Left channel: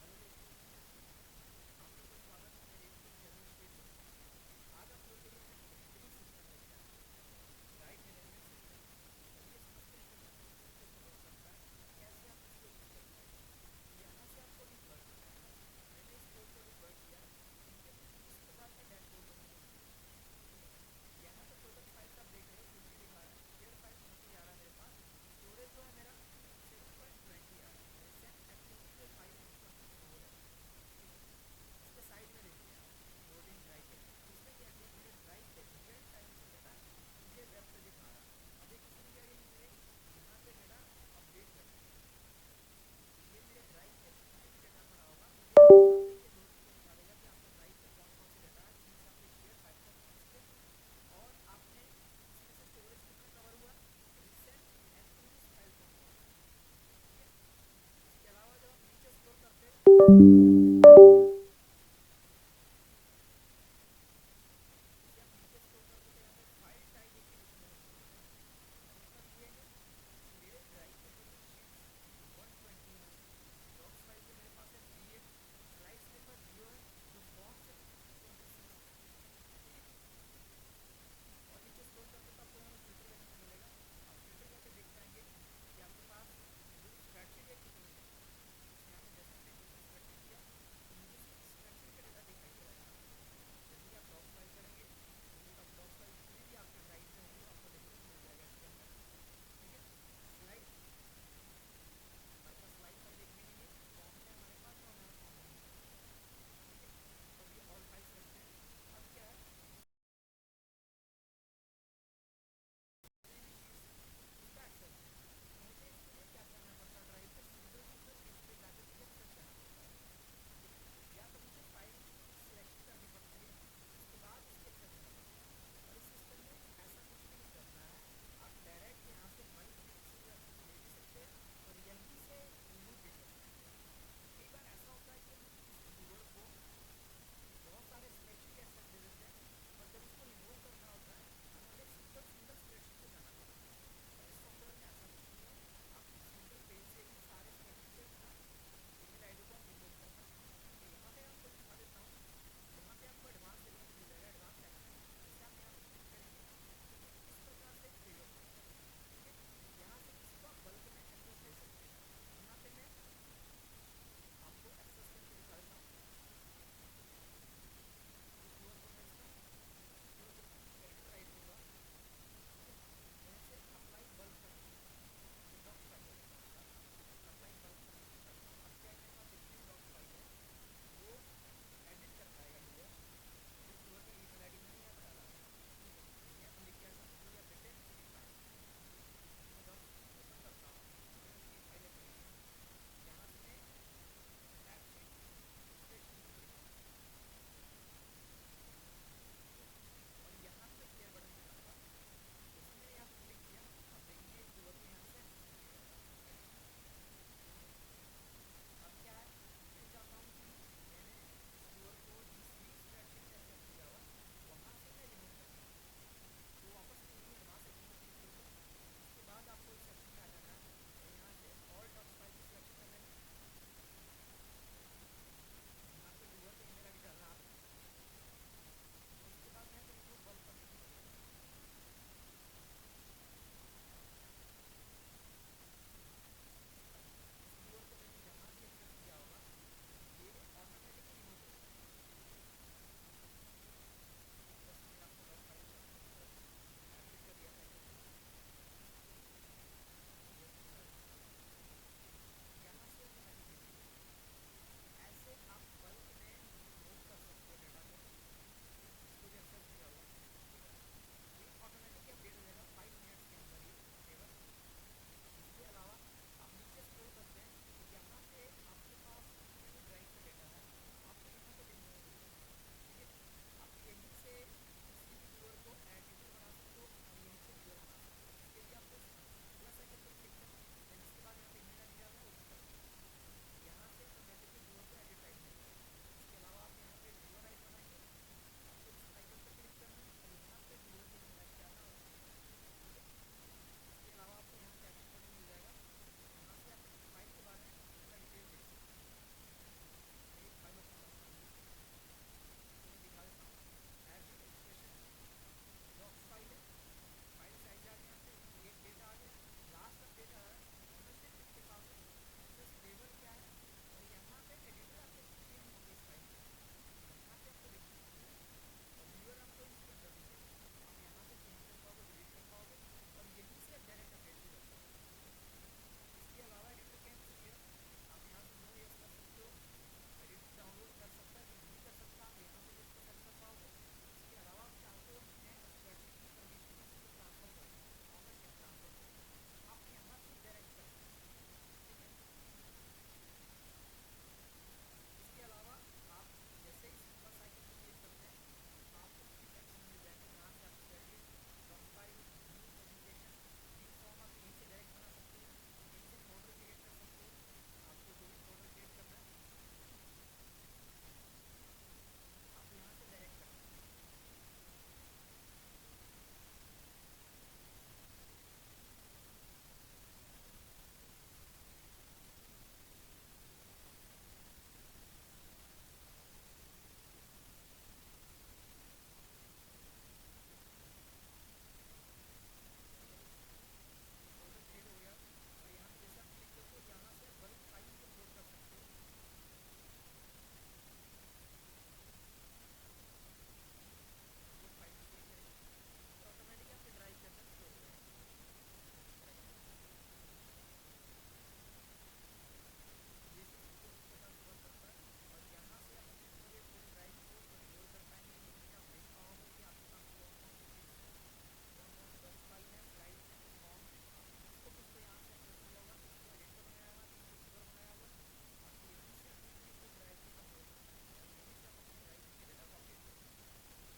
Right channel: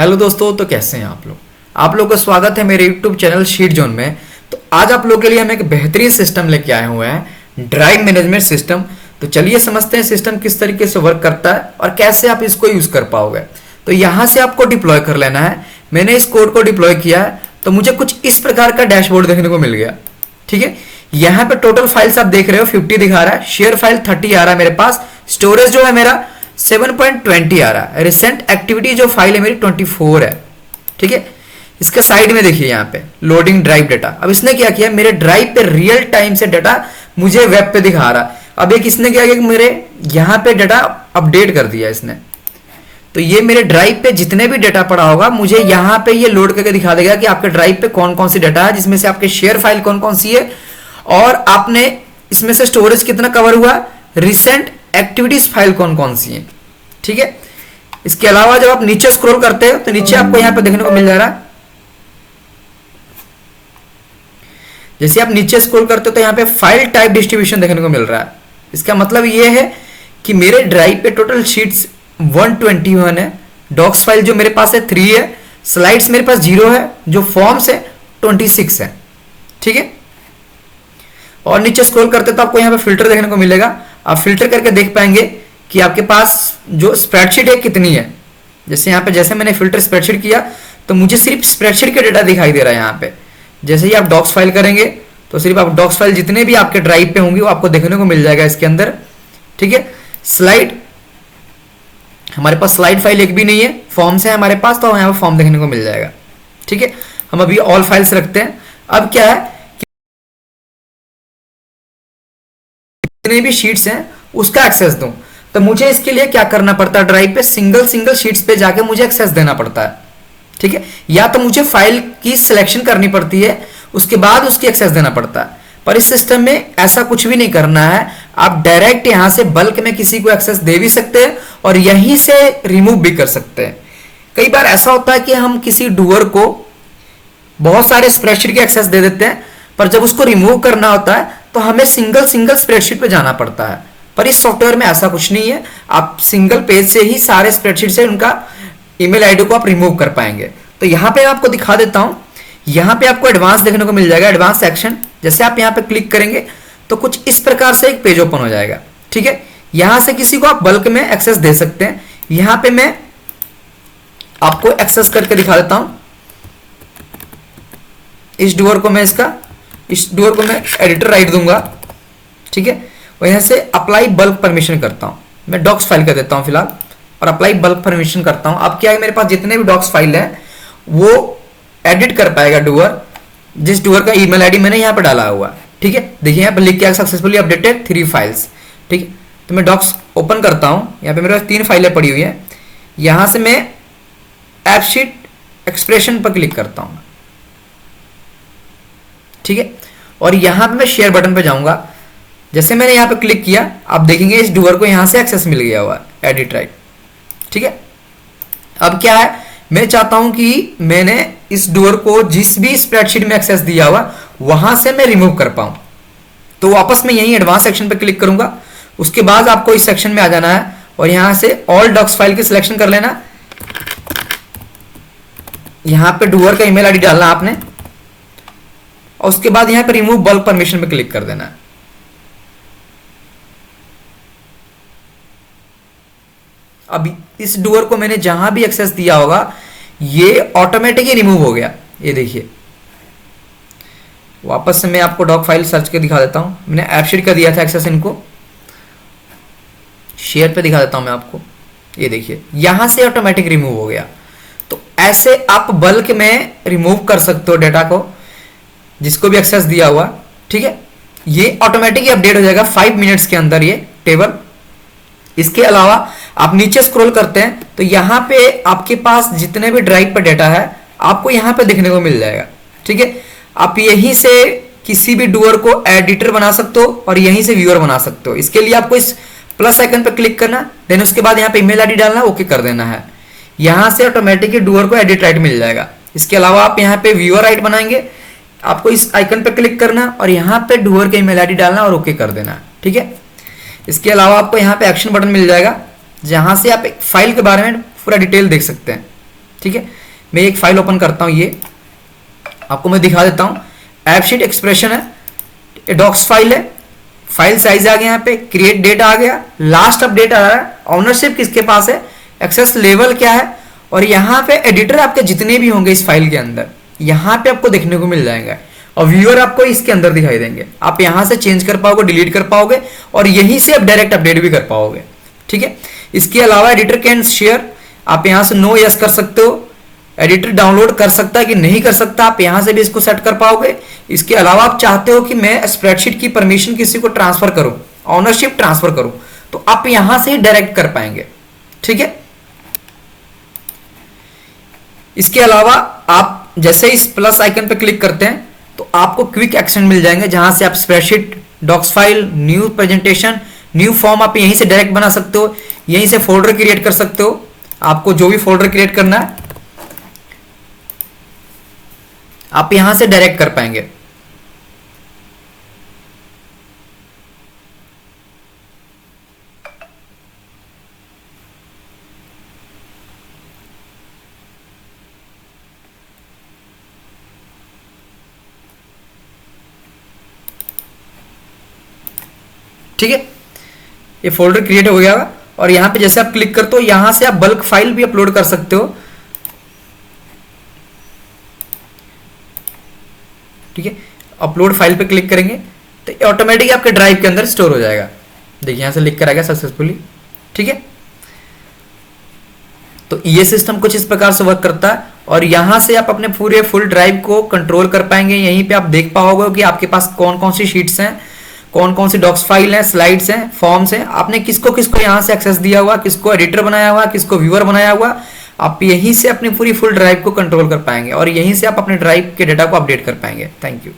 Hello दोस्तों, तो कैसे हैं आप लोग का स्वागत है मेरे यूट्यूब चैनल शीट जोन में। तो आज आप लोग के लिए हम एक बेहतरीन सिस्टम लेके आए हुए हैं, ड्राइव मैनेजमेंट सिस्टम। तो चलिए समझते हैं सिस्टम किस तरीके से वर्क करता है और कैसे आप इसको यूज कर पाओगे। तो यहाँ से आपको डिप्लॉय कर लेना है। मैंने इस कोड को डिप्लॉय किया है तो मुझे कुछ इस प्रकार का डैशबोर्ड देखने को मिल गया। ठीक है, यहाँ पे टोटल फाइल्स आप देख रहे हो 50 दिखा रहा है, शेयर फाइल 30 आ रहा है मेरे पास, स्टोरेज जो है मेरा 7.20 आ रहा है, रिसेंट एक्टिविटी जो फाइल है मेरी 24 है। ठीक है, इसके साइड में देखिए यहाँ पे लोडिंग ड्राइव डाटा। अब इसने क्या किया, मेरे ड्राइव पे रियल टाइम से डाटा मुझे वेब पे दिखा रहा। अब एक इसने क्या किया कि मेरे यहाँ पे डाटा अपडेट कर दिया इसने। तो ये मेरे ड्राइव पे जितने भी डाटा पड़ा होगा मुझे यहाँ पे ये लोड करके दिखा देगा कि आपके ड्राइव पे कौन कौन सी डाटा है, जिसमें से आपके शेयर फाइल कौन कौन सी है और आपने इसमें से स्टोरेज कितना कवर हुआ, रिसेंट एक्टिविटीज फाइल कौन कौन सी है। ठीक है, इसके अलावा जब आप नीचे स्क्रॉल करते हो तो नीचे आपको यहां पे देखने को मिल जा रहा है, जैसे आप नीचे स्क्रॉल करते हो तो यहां पे फाइल टाइप डिस्ट्रीब्यूशन देखने को मिल रहा है। इसका मतलब ये है कि मेरे ड्राइव पे टोटल शीट्स 121 है, डॉक्स फाइल जो मेरे पास है 3 है, स्लाइड्स मेरे पास 0 है, जो फॉर्म्स है 26 है। ठीक है, और नीचे स्क्रॉल करते तो आपको यहाँ पे फिल्टर देखने को मिलेगा। आप फिल्टर करके देख पाएंगे कि आपके पास जो स्प्रेडशीट है कितनी है। जैसे यहाँ पे जैसे मैंने फिल्टर स्प्रेडशीट किया तो मुझे सिर्फ स्प्रेडशीट का डेटा दिखाई दे रहा है यहाँ पे। जैसे ही आप डॉक्स फाइल करेंगे तो सिर्फ आप डॉक्स फाइल जितने भी आपके ड्राइव पे होंगे वो आपको देखने को मिल जाएगा इसके अंदर। ठीक है, स्लाइड हमारे पास स्लाइड फाइल एक भी नहीं है, फॉर्म्स है हमारे पास, तो यहाँ पे फॉर्म देखने को मिल जाएगा। ठीक है, हम अभी ऑल फाइल्स रखते हैं। अब क्या है, जितने भी शीट्स हैं उसका एक्सेस दूं तो मुझे इसके लिए क्या करना पड़ता है, ड्राइव पे सिंगल सिंगल शीट्स पे जाके मुझे एक्सेस देना पड़ता है। ठीक है, या तो मुझे फाइल की सिलेक्शन करनी पड़ती है उसके बाद उसकी एक्सेस देना पड़ता है। पर इस सिस्टम में ऐसा कुछ भी नहीं करना है, आप डायरेक्ट यहां से बल्क में किसी को एक्सेस दे भी सकते हैं और यहीं से रिमूव भी कर सकते हैं। कई बार ऐसा होता है कि हम किसी डूअर को बहुत सारे स्प्रेडशीट के एक्सेस दे देते हैं, पर जब उसको रिमूव करना होता है तो हमें सिंगल सिंगल स्प्रेडशीट पे जाना पड़ता है। पर इस सॉफ्टवेयर में ऐसा कुछ नहीं है, आप सिंगल पेज से ही सारे स्प्रेडशीट से उनका ईमेल आईडी को आप रिमूव कर पाएंगे। तो यहाँ पे आपको दिखा देता हूँ, यहाँ पे आपको एडवांस देखने को मिल जाएगा, एडवांस सेक्शन। जैसे आप यहाँ पे क्लिक करेंगे तो कुछ इस प्रकार से एक पेज ओपन हो जाएगा। ठीक है, यहाँ से किसी को आप बल्क में एक्सेस दे सकते हैं। यहाँ पे मैं आपको एक्सेस करके दिखा देता हूँ। इस डूअर को मैं एडिटर राइट दूंगा। ठीक है, और यहां से अप्लाई बल्क परमिशन करता हूं, मैं डॉक्स फाइल कर देता हूं फिलहाल और अप्लाई बल्क परमिशन करता हूं। अब क्या है, मेरे पास जितने भी डॉक्स फाइल है वो एडिट कर पाएगा डूअर, जिस डूअर का ईमेल आईडी मैंने यहां पर डाला हुआ। ठीक है, देखिए यहां पर लिख के सक्सेसफुली अपडेटेड 3 फाइल्स। ठीक है, तो मैं डॉक्स ओपन करता हूं, यहां पे मेरे पास 3 फाइलें पड़ी हुई है। यहां से मैं एपशीट एक्सप्रेशन पर क्लिक करता हूं। ठीक है, और यहां पे मैं शेयर बटन पे जाऊंगा। जैसे मैंने यहां पे क्लिक किया आप देखेंगे इस डूअर को यहां से एक्सेस मिल गया हुआ है, एडिट राइट। ठीक है, अब क्या है, मैं चाहता हूं कि मैंने इस डूअर को जिस भी स्प्रेडशीट में एक्सेस दिया हुआ वहां से मैं रिमूव कर पाऊं। तो वापस मैं यही एडवांस सेक्शन पे क्लिक करूंगा। उसके बाद आपको इस सेक्शन में आ जाना है और यहां से ऑल डॉक्स फाइल की सिलेक्शन कर लेना। यहां पे डूअर का ईमेल आईडी डालना आपने और उसके बाद यहां पे रिमूव बल्क परमिशन पे क्लिक कर देना है। अब इस डूअर को मैंने जहां भी एक्सेस दिया होगा ये ऑटोमेटिक ही रिमूव हो गया। ये देखिए, वापस से मैं आपको डॉक फाइल सर्च के दिखा देता हूं। मैंने एपशीट का दिया था एक्सेस, इनको शेयर पे दिखा देता हूं मैं आपको। ये देखिए यहां से ऑटोमेटिक रिमूव हो गया। तो ऐसे आप बल्क में रिमूव कर सकते हो डाटा को, जिसको भी एक्सेस दिया हुआ। ठीक है, ये ऑटोमेटिक अपडेट हो जाएगा 5 मिनट्स के अंदर ये टेबल। इसके अलावा आप नीचे स्क्रॉल करते हैं तो यहां पे आपके पास जितने भी ड्राइव पर डेटा है आपको यहां पे देखने को मिल जाएगा। ठीक है, आप यहीं से किसी भी डूअर को एडिटर बना सकते हो और यहीं से व्यूअर बना सकते हो। इसके लिए आपको इस प्लस आइकन पे क्लिक करना, देन उसके बाद यहाँ पे ईमेल आईडी डालना, ओके कर देना है। यहां से ऑटोमेटिक डूअर को एडिट राइट मिल जाएगा। इसके अलावा आप यहाँ पे व्यूअर राइट बनाएंगे, आपको इस आइकन पे क्लिक करना और यहाँ पे डूअर के ईमेल आईडी डालना और ओके कर देना। ठीक है, इसके अलावा आपको यहाँ पे एक्शन बटन मिल जाएगा जहां से आप एक फाइल के बारे में पूरा डिटेल देख सकते हैं। ठीक है, मैं एक फाइल ओपन करता हूँ, ये आपको मैं दिखा देता हूँ। ऐप शीट एक्सप्रेशन है, डॉक्स फाइल है, फाइल साइज आ गया, यहाँ पे क्रिएट डेट आ गया, लास्ट अपडेट आ रहा है, ऑनरशिप किसके पास है, एक्सेस लेवल क्या है, और यहाँ पे एडिटर आपके जितने भी होंगे इस फाइल के अंदर यहाँ पे आपको देखने को मिल जाएगा, और व्यूअर आपको इसके अंदर दिखाई देंगे। आप यहाँ से चेंज कर पाओगे, डिलीट कर पाओगे, और यहीं से आप डायरेक्ट अपडेट भी कर पाओगे। ठीक है, इसके अलावा एडिटर कैन शेयर, आप यहाँ से नो यस कर सकते हो, एडिटर डाउनलोड कर सकता है कि नहीं कर सकता, आप यहां से भी इसको सेट कर पाओगे। इसके अलावा आप चाहते हो कि मैं स्प्रेडशीट की परमिशन किसी को ट्रांसफर करूं, ऑनरशिप ट्रांसफर करूं, तो आप यहां से ही डायरेक्ट कर पाएंगे। ठीक है, इसके अलावा आप जैसे इस प्लस आइकन पे क्लिक करते हैं तो आपको क्विक एक्शन मिल जाएंगे, जहां से आप spreadsheet, docs file, new presentation, new form आप यहीं से डायरेक्ट बना सकते हो, यहीं से फोल्डर क्रिएट कर सकते हो। आपको जो भी फोल्डर क्रिएट करना है आप यहां से डायरेक्ट कर पाएंगे। ठीक है, ये फोल्डर क्रिएट हो गया होगा, और यहां पे जैसे आप क्लिक करते हो यहां से आप बल्क फाइल भी अपलोड कर सकते हो। ठीक है, अपलोड फाइल पे क्लिक करेंगे तो ऑटोमेटिक आपके ड्राइव के अंदर स्टोर हो जाएगा। देखिए यहां से लिख कर आ गया सक्सेसफुली। ठीक है, तो ये सिस्टम कुछ इस प्रकार से वर्क करता है, और यहां से आप अपने पूरे फुल ड्राइव को कंट्रोल कर पाएंगे। यहीं पे आप देख पाओगे कि आपके पास कौन कौन सी शीट्स हैं, कौन कौन सी डॉक्स फाइल हैं, स्लाइड्स हैं, फॉर्म्स हैं, आपने किसको किसको यहां से एक्सेस दिया हुआ, किसको एडिटर बनाया हुआ, किसको व्यूअर बनाया हुआ, आप यहीं से अपनी पूरी फुल ड्राइव को कंट्रोल कर पाएंगे, और यहीं से आप अपने ड्राइव के डेटा को अपडेट कर पाएंगे। Thank you.